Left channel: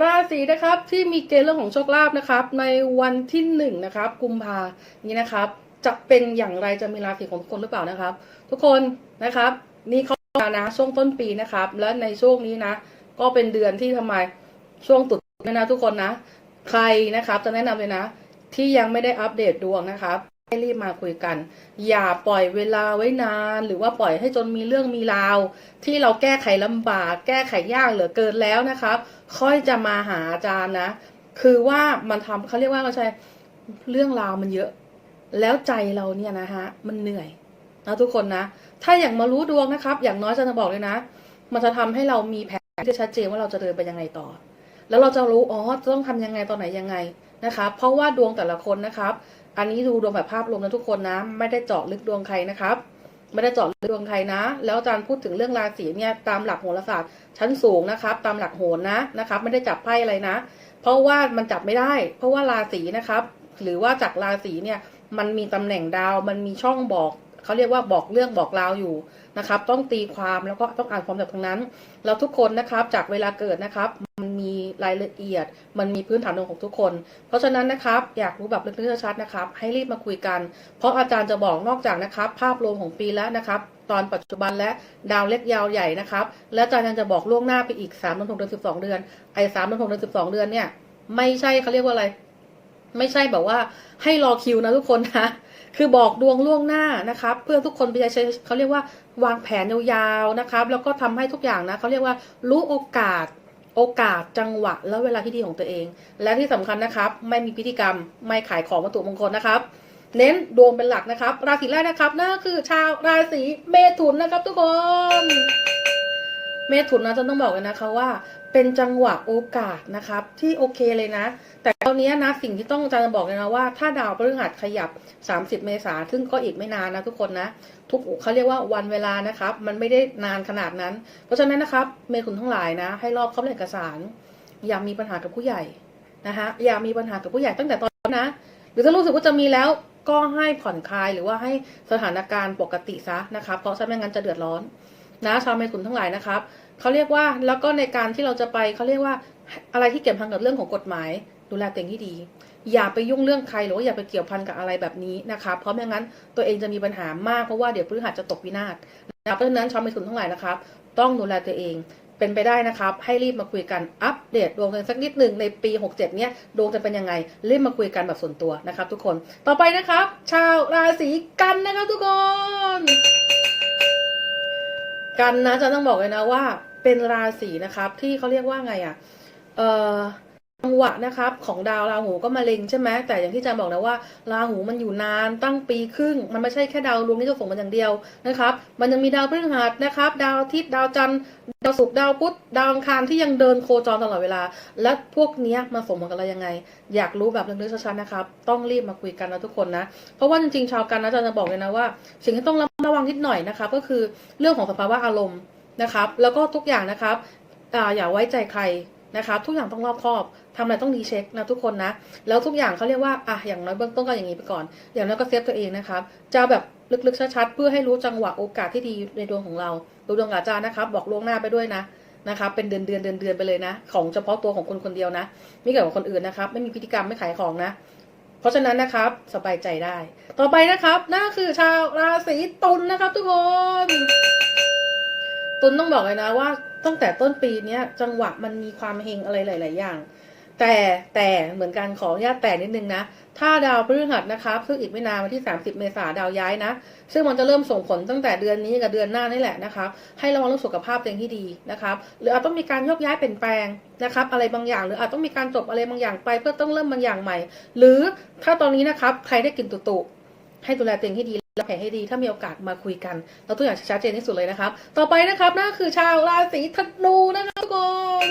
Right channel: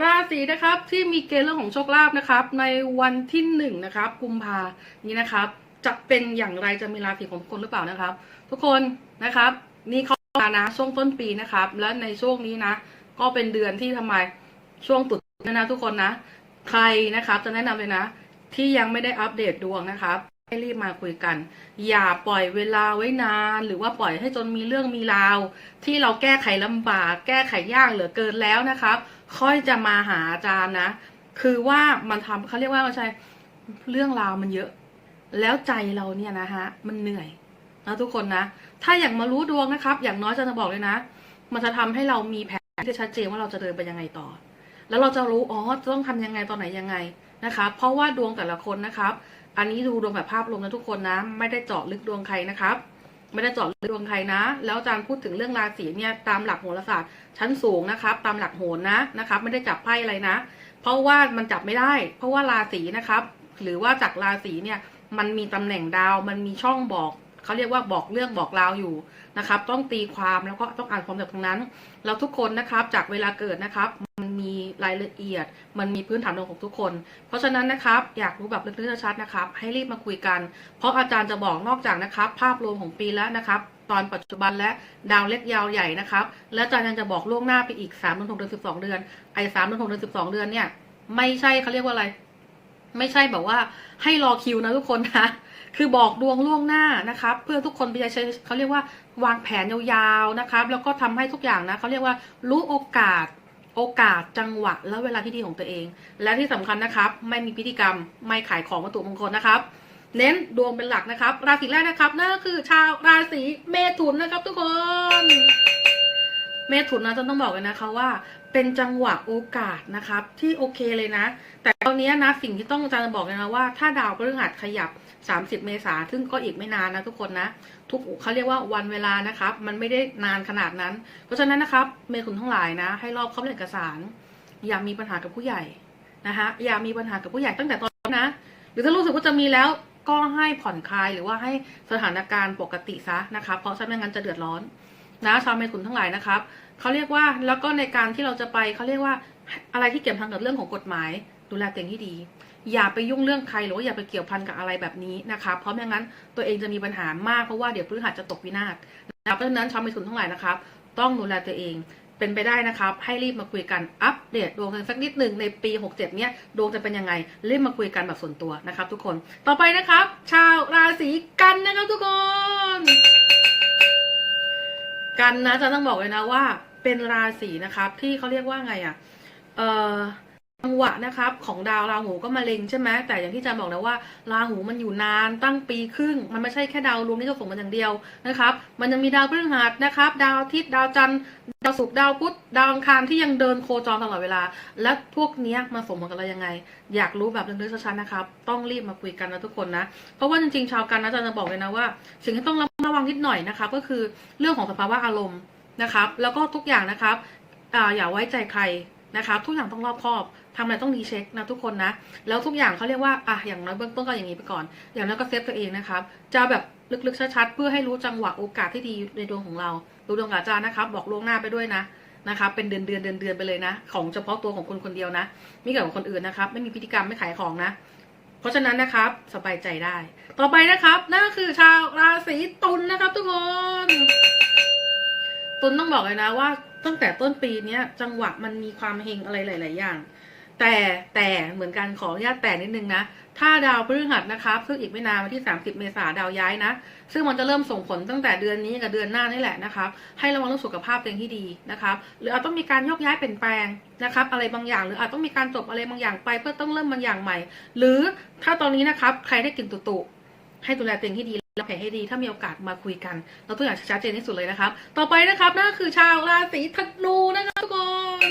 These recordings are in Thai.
ราศีนะครับที่มีเกณฑ์เรื่องของโชคลาภนะครับ ในวันที่หนึ่งนะครับ กุมภานี้นะครับ จะเป็นอย่างไรจะมีราศีของทุกคนหรือเปล่านะครับ ทุกคนนะครับ นี่เขามานะช่วงต้นปีนะครับ และในช่วงนี้นะ ก็เป็นเดือนที่ทำไมช่วงตรุษจีนนะนะทุกคนนะ ใครนะครับ จะแนะนำเลยนะ ที่ยังไม่ได้อัปเดตดวงนะครับให้รีบมาคุยกัน อย่าปล่อยเวลาไว้นาน หรือว่าปล่อยให้จนมีเรื่องมีราว ที่เราแก้ไขลำบาก แก้ไขยากเหลือเกินแล้วนะครับ ค่อยจะมาหาอาจารย์นะ คือว่ามันทำเขาเรียกว่าไม่ใช่เรื่องราวมันเยอะ แล้วใจเราเนี่ยนะฮะมันเหนื่อยนะทุกคนนะ ถ้าอย่างมารู้ดวงนะครับ อย่างน้อยจะบอกเลยนะ มันจะทำให้เรามีแผนที่ชัดเจนว่าเราจะเดินไปยังไงต่อ แล้วเราจะรู้อ๋อจะต้องทำยังไงตอนไหนยังไงนะครับเพราะว่าดวงแต่ละคนนะครับ อันนี้ดูดวงแบบภาพรวมนะทุกคนนะ ไม่ได้เจาะลึกดวงใครนะครับ ไม่ได้เจาะลึกดวงใครนะ แล้วอาจารย์พูดถึงเรื่องราศีเนี่ยตามหลักโหราศาสตร์ชั้นสูงนะครับ ตามหลักโหรนะนะครับ ไม่ได้จับไพ่อะไรนะ เพราะว่ามันจับไม่ได้ เพราะว่าราศีนะครับ หรือว่าจากราศีเนี่ยมันมีตำแหน่งดาว มันมีช่องบอก เขาเรียกว่าบอกเรื่องบอกราวอยู่นะครับ ต้องตีความแล้วก็ต้องอ่านความจากตรงนั้น แล้วทุกคนนะครับจากเวลาเกิดนะครับ มันมีรายละเอียด มันมีพื้นฐานดวงของทุกคน เพราะฉะนั้นนะครับ อยากรู้แบบลึกๆชัดนะครับ ให้รีบมาคุยกัน เพราะอาจารย์จะบอกนอกจากนะครับ ภาพรวมของปีแล้วนะครับ ตอนปัจจุบันและดาวเล็กยาวใหญ่นะครับ และอาจารย์ยังจะบอกล่วงหน้าไปอีก3ามเดือนหกเดือนสิบสองเดือนไอ้สามเดือนหกเดือนสิบสองเดือนเนี่ยไม่ใช่เขาเรียกว่าอะไร ไม่ใช่แบบว่าให้รอคิวนะทุกคนนะ คือบอกดวงล่วงหน้านะครับเพื่อทุกคนไปใช้เขาเรียกว่าวางแผนยาวๆนะครับแล้วก็ทำให้ทุกอย่างนะเขาเรียกว่ารู้โอกาสโอกาสจังหวะและเวลาที่ดีของตัวเอง และที่สำคัญนะครับ ไม่มีพิธีกรรมไม่ขายของวัตถุมงคลนะครับ เน้นดวงเป็นหลักนะครับ ราศีแรกนะครับนั่นคือชาวราศีเมถุนนะครับ ทุกคน เมถุนนะจะต้องบอกเลยนะคะว่า เป็นจังหวะโอกาสนะครับ ที่โอเคเลยนะ แต่ตอนนี้นะสิ่งที่ต้องอาจารย์บอกเลยนะว่าถ้าดาวพฤหัสขยับ 30 เมษาซึ่งก็อีกไม่นานนะทุกคนนะ ทุกเขาเรียกว่าวันเวลานะครับ มันไม่ได้นานขนาดนั้น เพราะฉะนั้นนะครับ เมถุนทั้งหลายนะ ให้รอบเข้าเอกสาร อย่ามีปัญหากับผู้ใหญ่นะคะอย่ามีปัญหากับผู้ใหญ่ตั้งแต่ตอนนี้นะ หรือถ้ารู้สึกว่าจะมีแล้วก็ให้ผ่อนคลายหรือว่าให้สถานการณ์ปกติซะนะครับ เพราะฉะนั้นไม่งั้นจะเดือดร้อนนะชาวเมถุนทั้งหลายนะครับ เขาเรียกว่าแล้วก็ในการที่เราจะไปเขาเรียกว่าอะไรที่เกี่ยวพันกับเรื่องของกฎหมาย ดูแลตัวเองให้ดี อย่าไปยุ่งเรื่องใครหรือว่าอย่าไปเกี่ยวพันกับอะไรแบบนี้นะครับเพราะไม่งั้นตัวเองจะมีปัญหามากเพราะว่าเดี๋ยวพฤหัสจะตกวินาศนะเพราะฉะนั้นชาวเมถุนทั้งหลายนะครับ ต้องดูแลตัวเองเป็นไปได้นะครับ ให้รีบมาคุยกันอัปเดตดวงกันสักนิดหนึ่งในปี 67 เนี้ยดวงจะเป็นยังไงรีบมาคุยกันแบบส่วนตัวนะครับ ทุกคนต่อไปนะครับ ชาวราศีกันนะครับทุกคน กันนะจะต้องบอกเลยนะว่าเป็นราศีนะครับ ที่เขาเรียกว่าไงอะ่ะ เออ จังหวะนะครับของดาวราหูก็มาเล็งใช่ไหมแต่อย่างที่อาจารย์บอกนะว่าราหูมันอยู่นานตั้งปีครึ่ง มันไม่ใช่แค่ดาวรวมที่จะส่งมันอย่างเดียวนะครับ มันยังมีดาวพฤหัสนะครับ ดาวอาทิตย์ดาวจันทร์ดาวศุกร์ดาวพุธดาวอังคารที่ยังเดินโคจรตลอดเวลา และพวกนี้มาสมกันอะไรยังไง อยากรู้แบบลึกๆชัดๆนะครับ ต้องรีบมาคุยกันนะทุกคนนะเพราะว่าจริงๆชาวกันนะอาจารย์จะบอกเลยนะว่า สิ่งที่ต้องระวังนิดหน่อยนะครับก็คือเรื่องของสภาวะอารมณ์นะครับ แล้วก็ทุกอย่างนะครับออย่าไว้ใจใครนะครับ ทุกอย่างต้องรอบคอบ ทำอะไรต้องรีเช็คนะทุกคนนะ แล้วทุกอย่างเขาเรียกว่าอะอย่างน้อยเบื้องต้นก็อย่างนี้ไปก่อน อย่างน้อยก็เซฟตัวเองนะครับ จะแบบลึกๆชัดๆเพื่อให้รู้จังหวะโอกาสที่ดีในดวงของเรา ดูดวงกับอาจารย์นะครับ บอกล่วงหน้าไปด้วยนะนะครับเป็นเดือนเดือนเดือนเดือนไปเลยนะ ของเฉพาะตัวของคนคนเดียวนะ ไม่เกี่ยวกับคนอื่นนะครับ ไม่มีพฤติกรรมไม่ขายของนะ เพราะฉะนั้นนะครับสบายใจได้ ต่อไปนะครับนั่นคือชาวราศีตุลนะครับ ทุกคนตุลต้องบอกเลยนะว่า ตั้งแต่ต้นปีเนี้ยจังหวะมันมีความเฮงอะไรหลาย ๆ อย่าง แต่แต่เหมือนกันขออนุญาตแต่นิดนึงนะ ถ้าดาวพฤหัสนะครับ ซึ่งอีกไม่นานวันที่ 30 เมษาดาวย้ายนะ ซึ่งมันจะเริ่มส่งผลตั้งแต่เดือนนี้กับเดือนหน้านี่แหละนะครับ ให้ระวังเรื่องสุขภาพตัวเองที่ดีนะครับ หรืออาจต้องมีการยกย้ายเปลี่ยนแปลงนะครับ อะไรบางอย่าง หรืออาจต้องมีการจบอะไรบางอย่างไป เพื่อต้องเริ่มบางอย่างใหม่ หรือถ้าตอนนี้นะครับใครได้กินตุตุให้ดูแลตัวเองให้ดีและแผลให้ดีถ้ามีโอกาสมาคุยกัน เราตัวอย่างชัดเจนที่สุดเลยนะครับ ต่อไปนะครับนั่นคือชาวราศีธนูนะครับทุกคน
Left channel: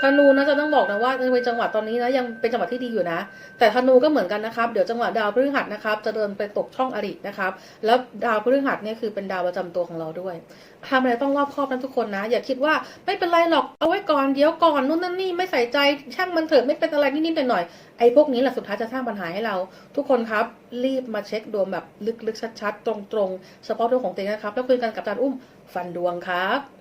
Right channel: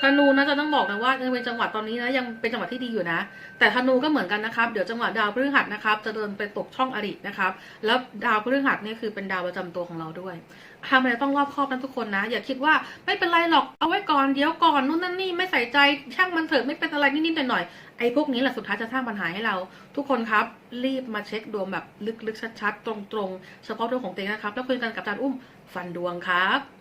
ธนูนะจะต้องบอกนะว่าในจังหวะตอนนี้นะยังเป็นจังหวะที่ดีอยู่นะ แต่ธนูก็เหมือนกันนะครับ เดี๋ยวจังหวะดาวพฤหัสนะครับ จะเดินไปตกช่องอรินะครับ แล้วดาวพฤหัสเนี่ยคือเป็นดาวประจำตัวของเราด้วยทำอะไรต้องรอบคอบนะทุกคนนะ อย่าคิดว่าไม่เป็นไรหรอกเอาไว้ก่อนเดี๋ยวก่อนนู่นนั่นนี่ไม่ใส่ใจช่างมันเถอะไม่เป็นอะไรนิดๆหน่อยๆไอ้พวกนี้แหละสุดท้ายจะสร้างปัญหาให้เรา ทุกคนครับ รีบมาเช็คดวงแบบลึกๆชัดๆตรงๆ เฉพาะดวงของตัวเองนะครับ แล้วคุยกันกับอาจารย์อุ้มฟันดวงครับ